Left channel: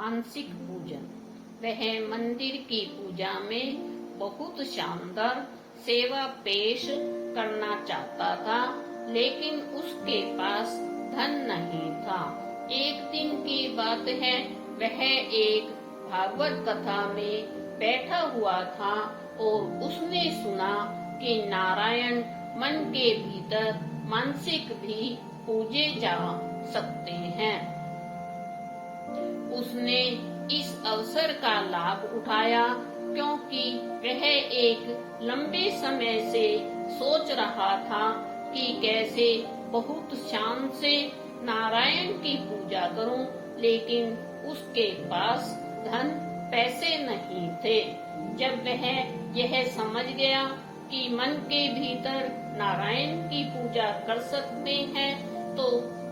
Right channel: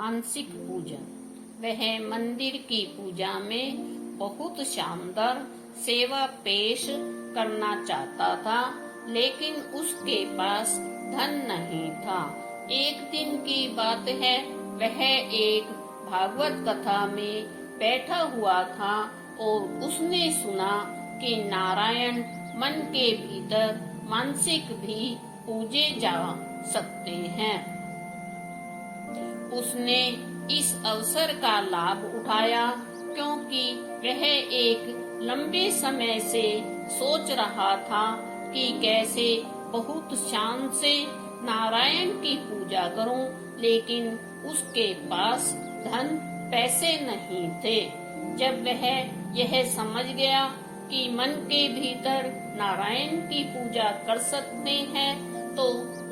मानसिक पूजन। वह मंदिर की पूजा में बहुत शानदार सेवा पेश करना चाहता था, लेकिन उसके पास धन नहीं था। एक दिन की बात है, वह एक भागवत कथा में बैठा हुआ था और उसने सुना कि नारायण मन के भीतर मानसिक भी पूजे जा सकते हैं। उसने इस अवसर का लाभ उठाया, क्योंकि वह एक लंबे समय से सोच रहा था कि कैसे बहुत शान से नारायण की पूजा करूं, लेकिन उसके पास धन पैसे नहीं थे। जब वह यह समझ गया कि मन के भीतर नारायण की पूजा कर सकते हैं, तो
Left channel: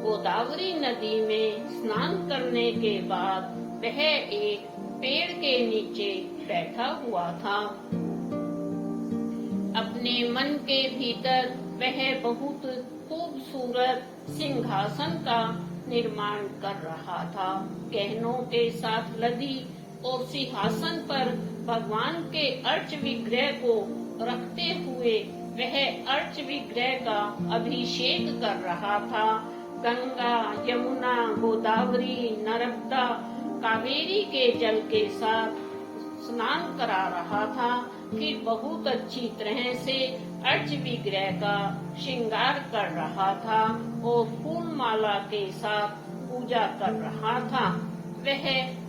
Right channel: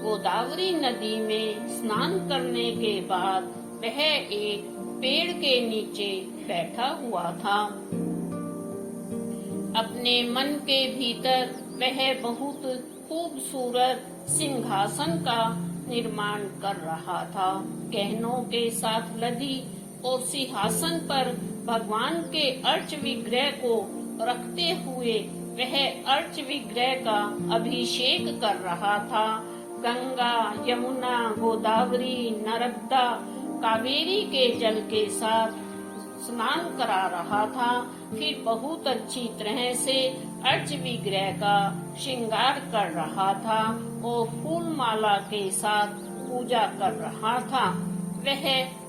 गोदावरी नदी में स्नान करने के बाद वह एक पेड़ के नीचे बैठा हुआ था। अपने मन के भीतर वह बहुत खूबसूरत सिंहासन का निर्माण कर रहा था। गहनों के साथ लदी और सिंहासन पर भगवान के अर्च विग्रह को रखते हुए वह अर्च विग्रह का अभिषेक कर रहा था। गंगा, यमुना, गोदावरी, नर्मदा, कावेरी के जल के साथ स्नान करा रहा था। फिर बहुत अच्छी तरह से अर्च विग्रह का श्रृंगार कर रहा था और फूल माला के साथ पूजा कर रहा था। वह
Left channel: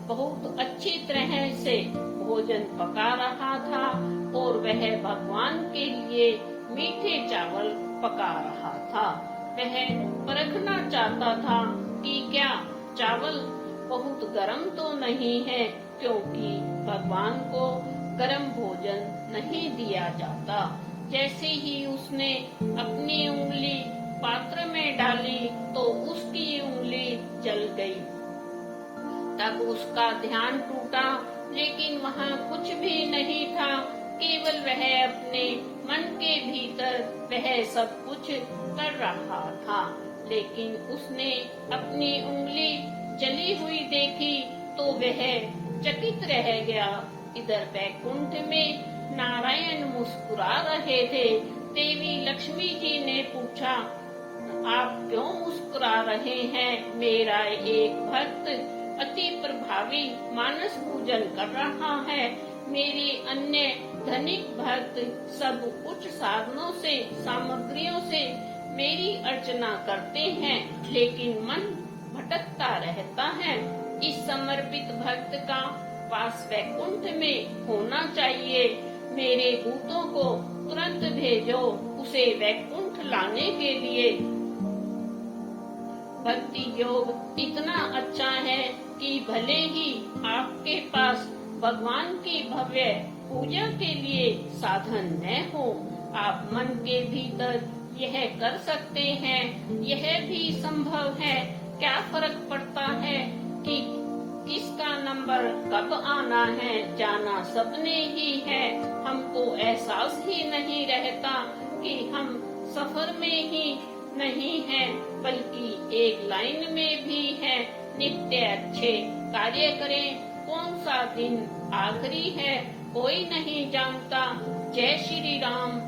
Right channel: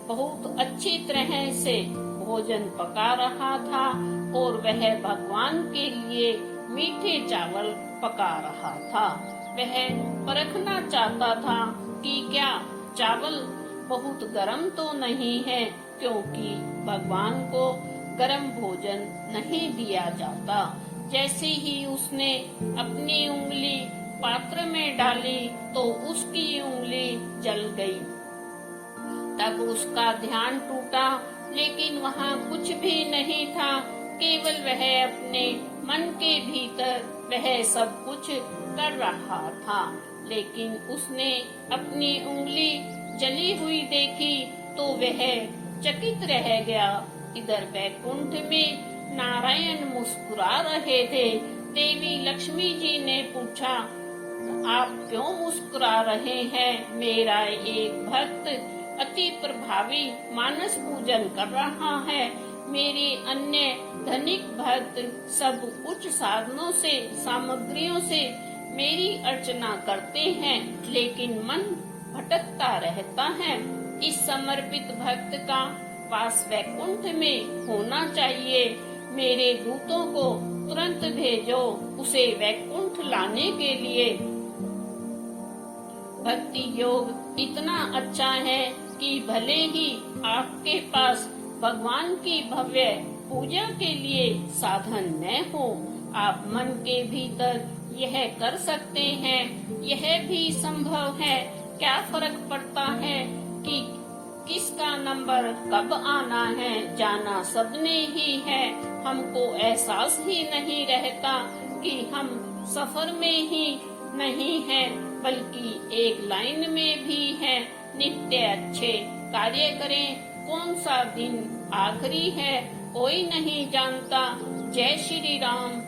बहुत अच्छी तरह से भोजन पका रहा था और वह भगवान के लिए मीठे चावल पका रहा था। वह परखना चाहता था कि क्या चावल बहुत गर्म तो नहीं है, क्योंकि भगवान को गर्म भोजन नहीं दिया जाता। जैसे ही उसने अपनी उंगली पात्र में डाली तो उसकी उंगली जल गई। तब उसका ध्यान टूटा, लेकिन वहाँ कुछ भी नहीं था, केवल वह अपने मन के भीतर वह सब कुछ कर रहा था। लेकिन उसने अपनी उंगली जली हुई देखी तो वह चकित रह गया। इधर वैकुंठ में नारायण मुस्कुरा रहे थे। देवी लक्ष्मी जी ने पूछा, आप क्यों मुस्कुरा रहे हैं? मेरा एक भक्त अति प्रभावी मानस पूजन कर रहा है। मेरे अन्य धनिक भक्त सब उच्च साधनों से, सामग्रियों से मेरी अर्चना करते हैं, लेकिन मन भटकता रहता है। इस समर्पित भक्त का वास वैकुंठ में होना चाहिए। मेरे दूतों को तुरंत भेजो उसे वैकुंठ लाने के लिए। भक्ति योग इतना अच्छा है कि भले ही आपके पास भगवान की भव्य पूजा के लिए साधन न हो, आप मन के भीतर यह कर सकते हैं। यह भी संभव है। क्या फर्क पड़ता है कि किसका नंबर कब आना है? जाना सबने ही है। हमको एहसास ही नहीं रहता कि हम सफर में ही नहीं है, बल्कि एक लाइन में भी है। नित्य अच्छे कार्य करें। कौन सा दिन आखिरी है कोई नहीं जानता। जय श्री राम।